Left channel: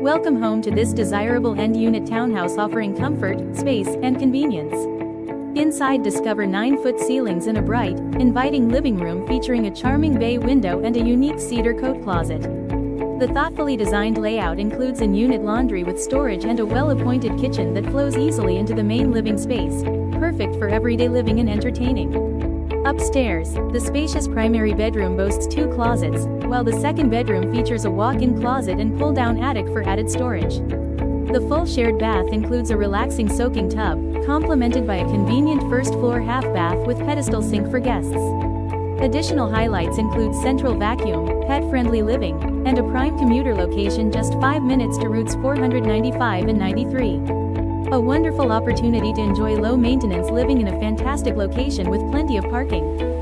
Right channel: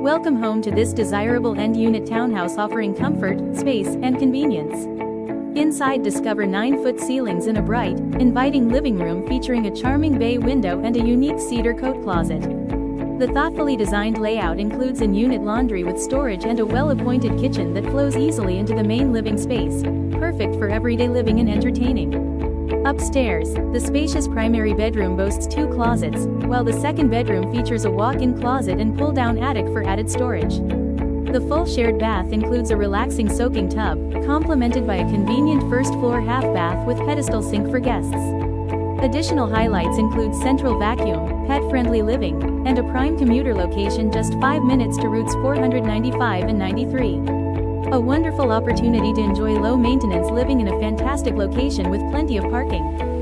Welcome home to this desirable end-unit townhouse offering comfort, space, and convenience. Inside, discover 9-foot ceilings and a bright, inviting living room featuring a charming bay window and a unique cedar coat closet. The thoughtfully designed layout includes in-unit laundry with storage and a well-appointed kitchen that flows easily into the main living space, perfect for everyday living and entertaining. Upstairs, the spacious primary bedroom boasts 2 closets, while the second bedroom features a walk-in closet and pull-down attic for added storage. The full shared bath includes a relaxing soaking tub, complemented by a convenient first-floor half bath with pedestal sink for guests. Additional highlights include central vacuum, pet-friendly living, and a prime commuter location just 5 minutes to routes 495 and 93. A wonderful opportunity to enjoy low-maintenance living in a fantastic location with plenty of parking.